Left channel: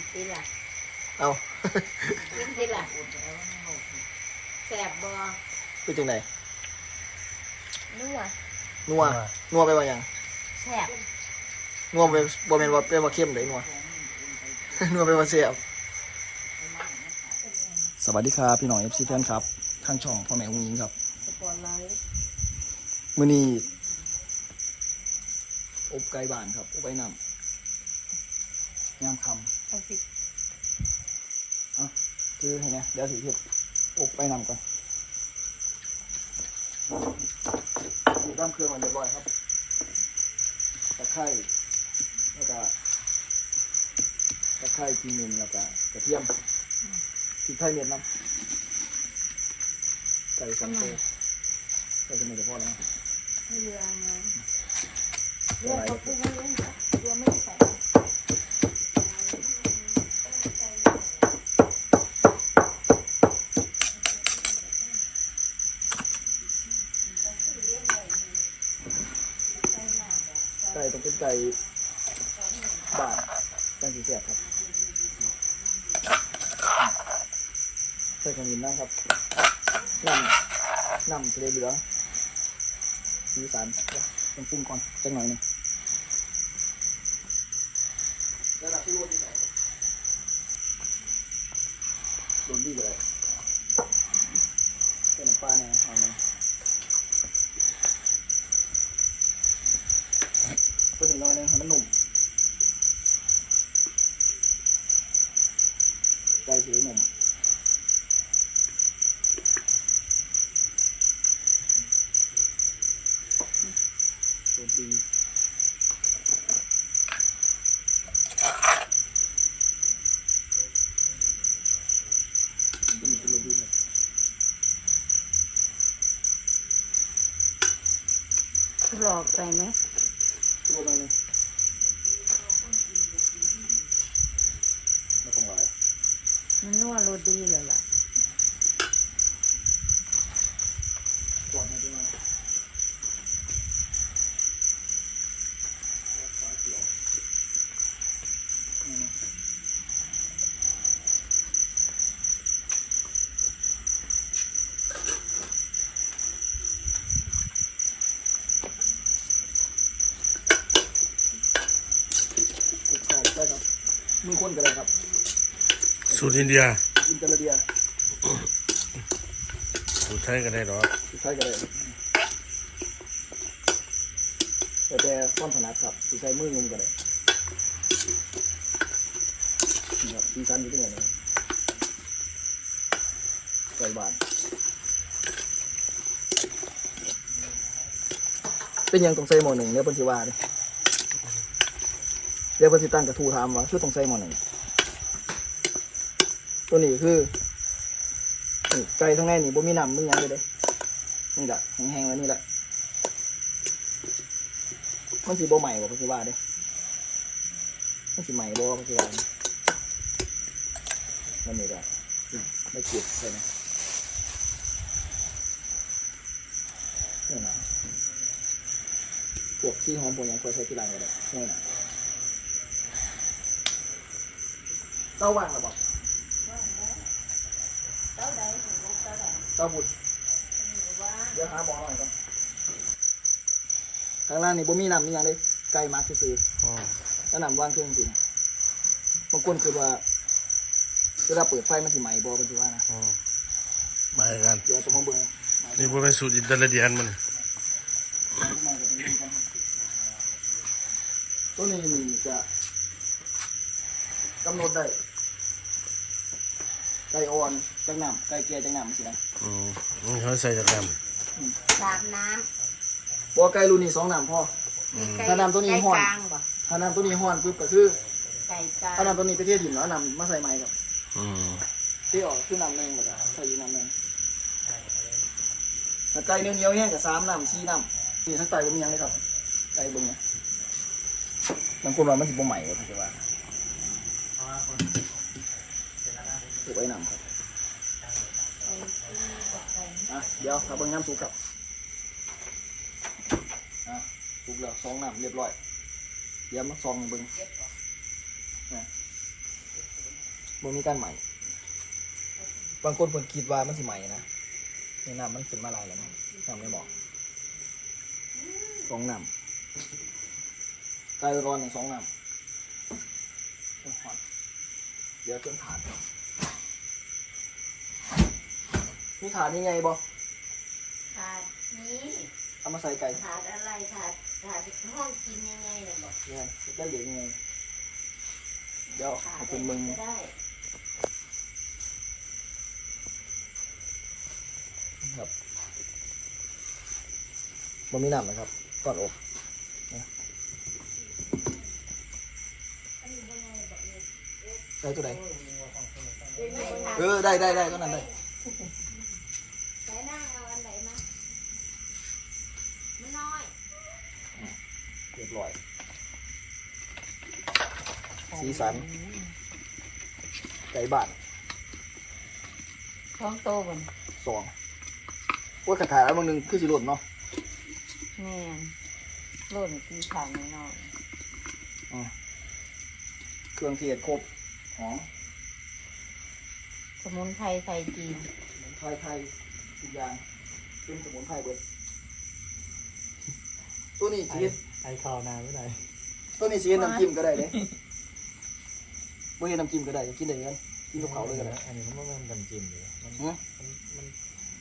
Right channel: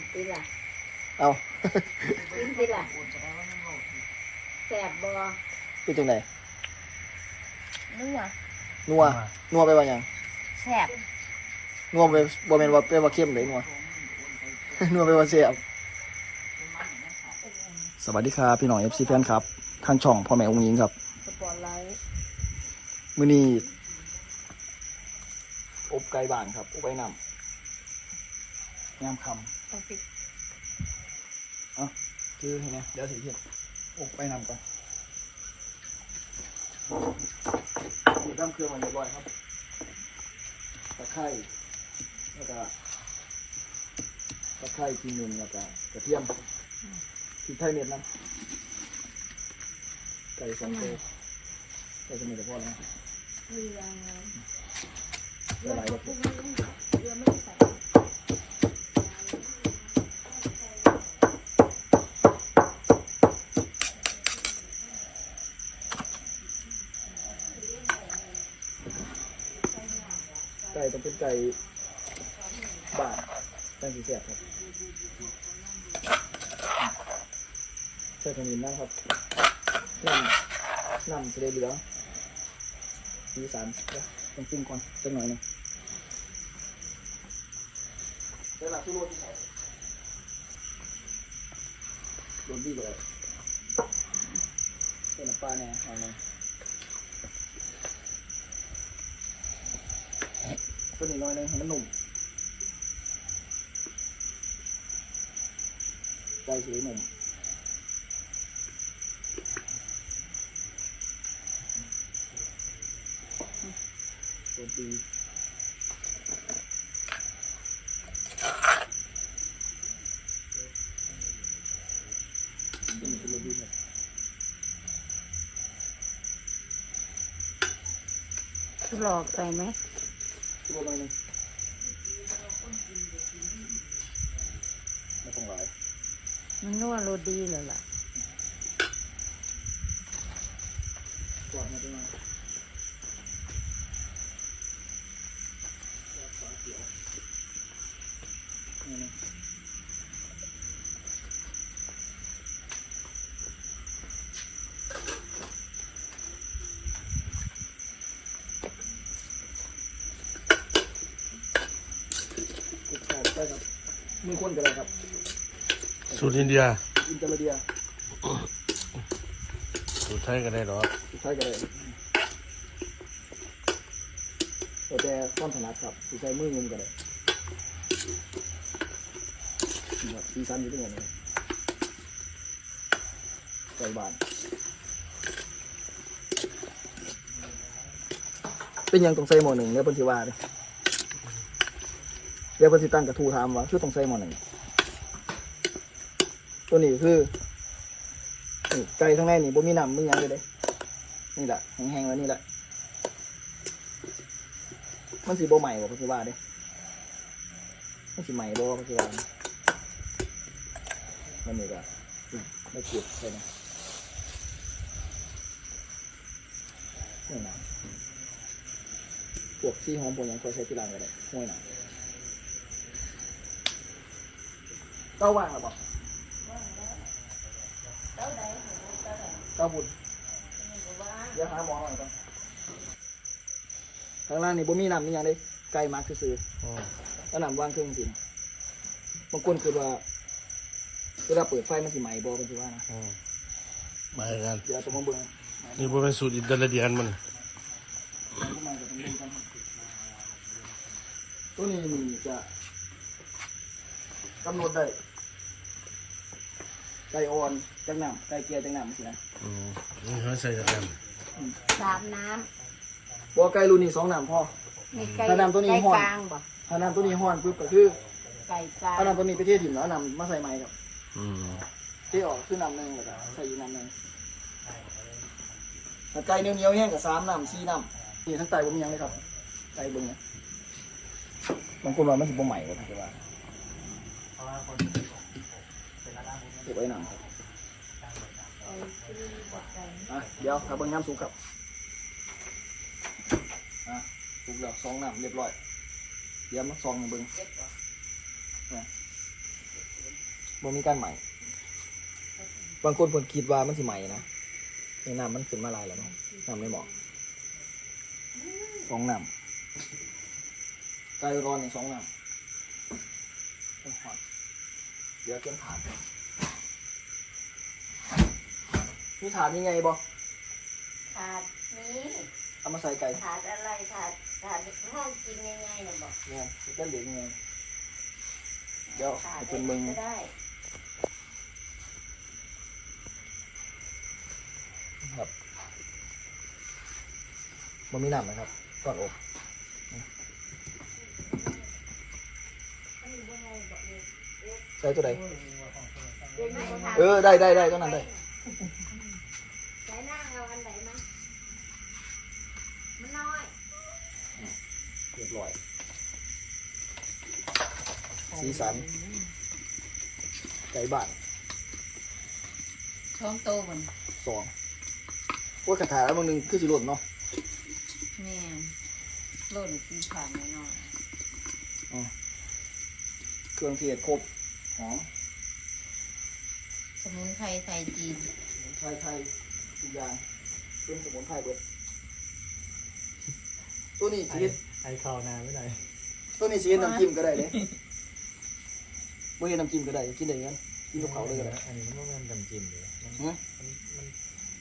ำตีละเอา กินตีละแสบบ่เป็นจังไดนัวนัวนัวไปว่าหยังแสบนัวไปบ่แม่นว่าไปว่าเข้มเลยนัวนัวไปว่าเสียบสวัสดีครับพี่น้อง FC แฟนครับทางช่องพ่อแม่องค์หญิงครับสปอร์ตไลท์มื้อนี้อบไก่บ้านครับอบไก่น้ำยามค ต้องพริกำคือเห็นไหมเดี๋ยวสิเฮ็ดอบไก่น้ำกันนี่ตั้มเครื่องมาเรียบร้อยครับตะไคร้แล้วก็ตะไคร้ทีนึงแล้วก็กระเทียมพริกไทยเม็ดน้ำไก่สองตัวไก่สมุนไพรแล้วนะเรือเดี๋ยวไหลเรือเดี๋ยวเรือไม่ใส่ เป็นไก่บานตั้งสีแสบครับใส่ขมิ้นนะครับน้ำน้ำจะได้เหลืองสีสันต้องปรุงก่อนจังหน่อยนึงโดนดีกว่าเลยเป็นน้ำปลาแน่เอาหน่อย ตัวนี้น้อยนึงให้มันหนุ่มไก่สีหนุ่มโดนดีตัวนี้เป็นโรดีครับหลอกไปไหม ตัวน้อยหนึงไม่ต้องหลาย มันนัวโรดีเลยล่ะ กรอบมาตัวน้อยฟ้าเขียวนี่นะคลุกเข้าไปครับ มือคนกันเลยครับ สูตรอินเดีย อินเตอร์เดียสูตรไทยก็ได้หรอกสุดท้ายกันเลยแต่แต่ความถนัดครับสิใช้มืองุมกันเลยนี่ครับสีสันอยู่ที่ไหนนะครับใส่บานเป็นหยังต้องใส่หม้อหนึ่งเดี๋ยวเพิ่นสิว่าเด้เดี๋ยวเพิ่นสิตั้งกระทูถามว่าคือต้องใส่หม้อหนึ่งตัวนี้คือนี่ไก่ข้างในนี่บ่มีน้ำมีหยังเลยเด้นี่แหละแห้งๆแล้วนี่แหละมันสิบ่ใหม่บ่เพิ่นสิว่าเด้มันสิใหม่บ่เพิ่นสิว่ามันนี่ก็ไม่เก็บเลยนะนี่นะพวกที่หอมพวกยังควรใช้ที่ร้านก็ได้ห้วยนา เต้าว่างหรือเปล่าเต้าใดเต้าใดเต้าบุญว่าเดี๋ยวหาหมอหน่อยก่อนข้างล่างนี่บ่มีน้ำมีหยังเลยไก่มักซื้ออืมๆแล้วน้ำว่างเครื่องสินะบางคนคือว่าเวลาเปิดไฟมันสิไหม้บ่เป็นสิว่านะอืมมากันเดี๋ยวต้องมาเบิ่งนี่บ่เป็นสูตรอินเดียนมันตัวนี้นี่จะกำหนดได้ ไก่อ่อนจังน้ำไก่แก่จังน้ำสินะอืมนี่เขาใส่จากกันสามน้บ่ไก่รุ่นนี้สองน้ำพอำมีไก่ถ้าน้ำตัวนี้ไก่ห่อน กลางบ่ถ้าน้ำตัวนี้ห้อนปุ๊บก็คือไก่กลางเอาน้ำตัวนี้ไปเทถิ่นแล้วเอาน้ำมาใส่ใหม่ครับอืมเทออกคือน้ำหนึ่งแล้วก็ใส่อีกน้ำหนึ่งถ้าไก่เหนียวๆแห้งกับสามน้ำสี่น้ำนี่ทั้งไตผมมีหยังเลยครับไก่เบิ้งเนี่ยบางคนว่ามันสิบ่ใหม่ว่าเขาจะว่า เก็บไว้น้ำครับอะเดี๋ยวถ้าเบิ้งน้ำสุกครับอะสุกแล้วสองน้ำเรียบร้อย เดี๋ยวมาซองให้เบิ้งเนี่ยบ่มีการใหม่บางคนเพิ่นคิดว่ามันสิใหม่นะในน้ำมันขึ้นมาหลายแล้วนะน้ำไม่เหมาะสองน้ำไก่ร้อนในสองน้ำโอ้ยฮอตเดี๋ยวเตรียมถาด มีถาดยังไงบ่ถาดนี้เอามาใส่ไก่ถาดอะไรถาดถาดห้องกินยังไงเนี่ยบอกเนี่ยจะเหลือยังไงเดี๋ยวถาให้ดเป็นมึงก็ได้ครับมันมีน้ำนะครับก่อนอบได้ตัวใดเออได้ได้ได้ตัวนั้นได้ ไหนนั่งเอาอันไหนมามันน้อย เรียบร้อย สีสัน ไก่บ้านท้องโตมันสองว่าคาถาแล้วบางหนึงคือสิหล่นเนาะแม่นหล่นที่ขังน้อยเครื่องเทศครบหอมสมุนไพรไทยจีนสมุนไพรไทยทุกอย่างเป็นสมุนไพรเบิดตัวนี้ชีส ไอคอนานไม่ได้ตัวนี้ชีสน้ำจิ้มก็ได้เลยบ่เห็นน้ำจิ้มก็ได้กินได้กันกินกับเขาวเลยก็ได้อันนี้มันไม่เป็นน้ำจิ้มเลยมันหือมันมัน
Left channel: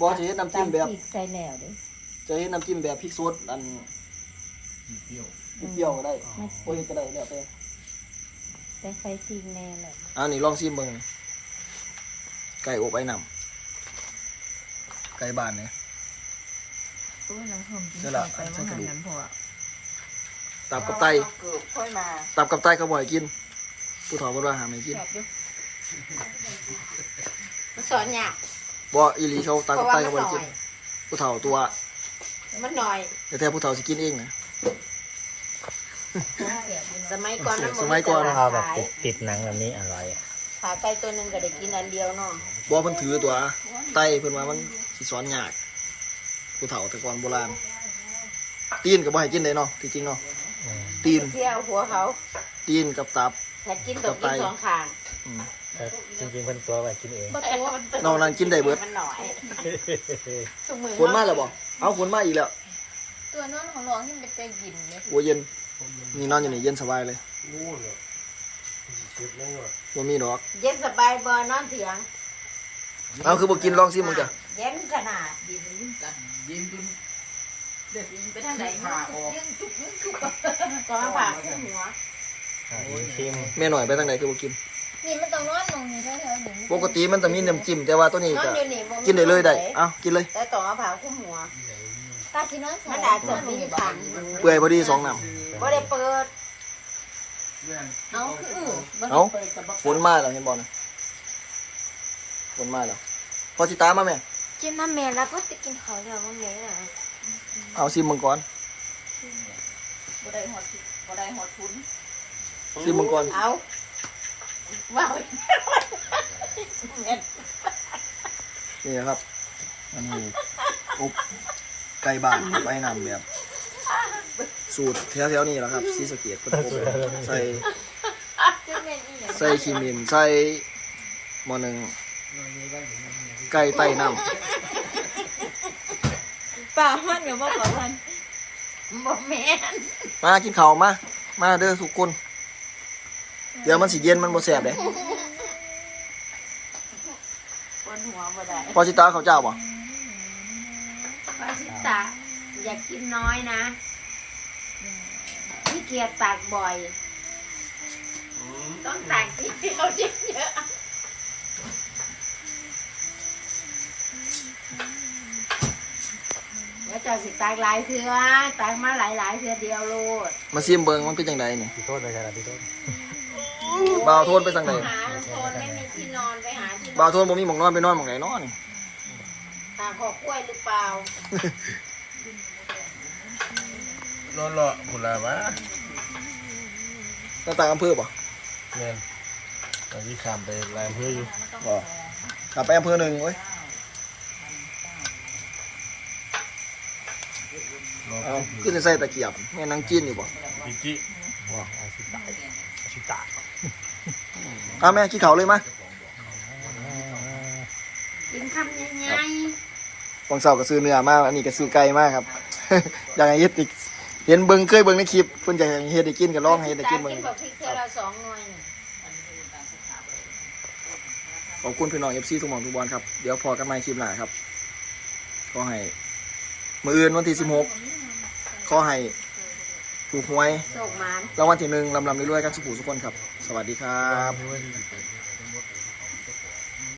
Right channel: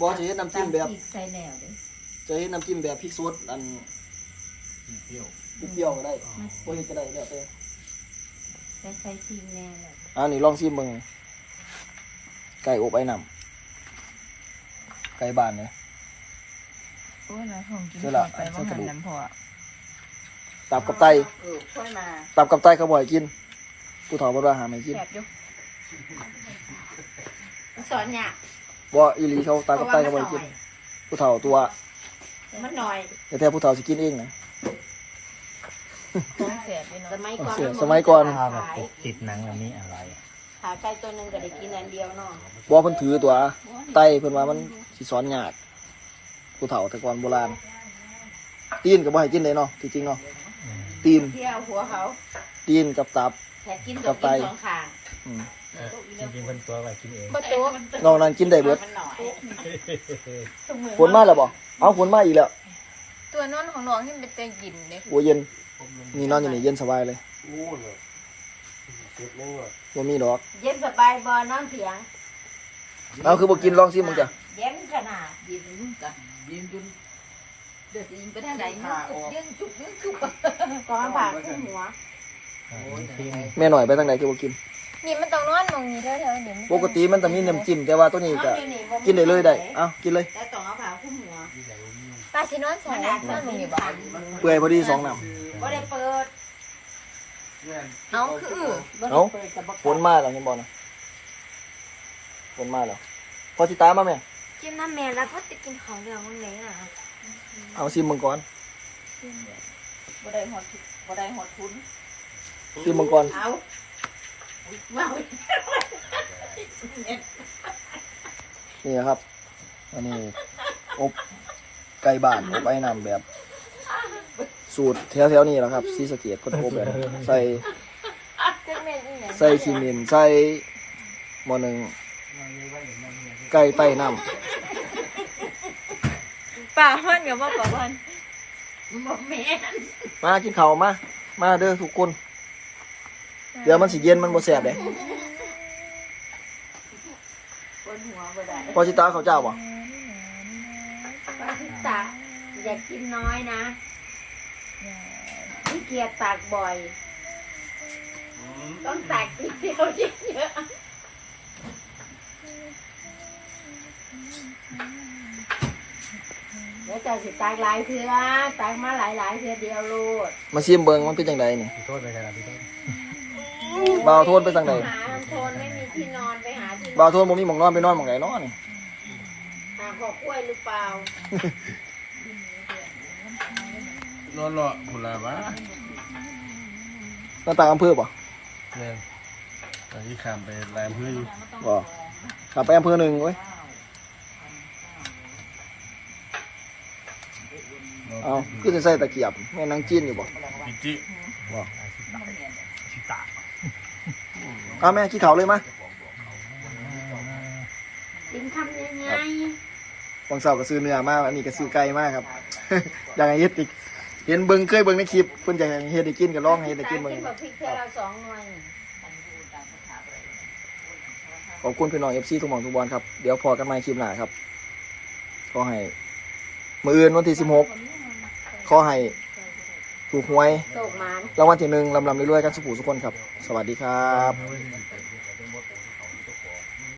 บ่จะเห็นน้ำจิ้มแบบตำพริกใส่แหนวดิจะเห็นน้ำจิ้มแบบพริกสดอันเปรี้ยวเปรี้ยวๆก็ได้บ่เห็นก็ได้แล้วแต่แต่ใส่ซีแน่เลยเอันนี้ลองชิมเบิ่งไก่อบไอ้น้ำไก่บ้านเนี่ย โอ้ยนะของกินเดี๋ยวล่ะ ไปว่าหันนั้นพอ ตับกับไตเออค่อยมาตับกับไตเขาบ่อยกิน ผู้เฒ่าบ่ว่าหาไม่กินแสบอยู่มันสอนเนี่ยากบ่อีหลีเขาตับเพกับราะไตว่าเขามับ่นอยหน่กิอนยผู้เฒ่าตัวมันหน่อยแต่แท้ผู้เฒ่าสิกินเองนะท้องแสบอยู่สเนาะมัยก่อนโอเคมันสมัยก่อนข้าวแบบขายติดติดหนังแบบนี้อร่อยอะขาไก่ตัวหนึ่งก็ได้กินอันเดียวเนาะบ่เพิ่นถือตัวไตเพิ่นว่ามันสิสอนยากผู้เฒ่าแต่ก่อนโบราณตีนก็บ่ให้กินเลยเนาะที่จริงเนาะอืม ตีน เที่ยวหัวเขาตีนกับตับแต่กินตัวกินสองข้างอืมแต่จริงๆคนตัวไปกินเองประตูนอกนั้นกินได้เบิดมันหน่อยสมือฝนมาแล้วบ่เอาฝนมาอีกแล้ว ตัวนอนของน้องที่มันเป็นกลิ่นเลยโอ้เย็นนี่นอนอยู่นี่เย็นสบายเลยงูเหรอสุดไม่หมดบ่มีดอก เย็นสบายบ่นอนเถียงเอาคือบ่กินลองซิมึงจ้ะเย็นขนาดยินกันยินจน เด็กไปทางไหนมายิ่งจุกยิ่งจุกตอนผ่าขึ้นหัวชิมแม่หน่อยไปทางไหนคือบ่กิน นี่มันต้องนอนมองนี้แถวๆเดี๋ยวปกติมันจะมีน้ำจิ้มแต่ว่าตัวนี้ก็กินได้เลยได้เอ้ากินเลยแต่ต้องเอาผ้าคลุมหัวตาสินอนมันอาจจะมีผันเปื่อยพอดีสองน้ำบ่ได้เปิดเอาคือเอาฝนมาแล้วเห็นบ่นะฝนมาแล้วพอสิตามมาแม่กินน้ำแม่แล้วก็จะกินของเรื่องมันไงล่ะ เอาซิมมังกรบ่ได้หอดบ่ได้หอดทุนซิมมังกรเอาว้าวนี่นะครับอันนี้อบไก่บ้านอบไอ้น้ำแบบ สูตรแถวๆนี้แหละครับซีสะเกตเพิ่นอบแบบนี้ใส่จะเป็นอีหยังใส่ขี้มินใส่หม้อหนึ่งไก่ไต้น้ ป่าพันกับว่าป่าพันบ่แม่นำมากินข้าวมา มาเด้อทุกคน เดี๋ยวมันสิเย็นมันบ่แซ่บเด้บนหัวบ่ได้พอสิตาข้าวเจ้าบ่ปาชิตะอยากกินน้อยนะขี้เกียจตักบ่อย ต้องตักทีเดียวเยอะๆ เดี๋ยวเจะสิตักหลายเทื่อตักมาหลายๆเทื่อเดียวโลดมาซิมเบิ่งมันเป็นจังไดนี่ขอโทษเลยครับพี่โทษบ่าวโทนไปทางไหนหาโทนไม่มีที่นอนไปหาที่นบ่าอวนโทนบ่มีหม่องนอนไปนอนหม่องไหนเนาะนี่ หาขอกล้วยหรือเปล่า รอรอผุลาวะหน้าตางอำเภอบ่แม่นตอนที่ข้ามไปลายอำเพื่ออยู่บ่กลับไปอำเภอหนึ่งเว้ย รอ เอาขึ้นใส่ตะเกียบแม่นางกินอยู่บ่พิจิบ่ชิตะเอาแม่ขี้เขาวเลยมาอคำใหญ่วังเสาร์ก็ซื้อเนื้อมากอันนี้ก็ซื้อไก่มากครับ อยากให้เฮ็ดอีกเห็นเบิ่งเคยเบิ่งในคลิปเพิ่นอยากให้เฮ็ดให้กินก็ลองให้เฮ็ดให้กินตาเบิ่งกินแบบพริกเกลือเราสองหน่วยนี่ขอบคุณพี่น้อง FC ทุกหม่องทุกบอลครับ เดี๋ยวพอกันใหม่คลิปหน้าครับขอให้ มื้ออื่นวันที่16ข อให้ถูกหวยโศกหมาน รางวัลที่หนึ่งลำลำเรื่อยๆครับสุขุสุกคนครับ สวัสดีครับไม่ได้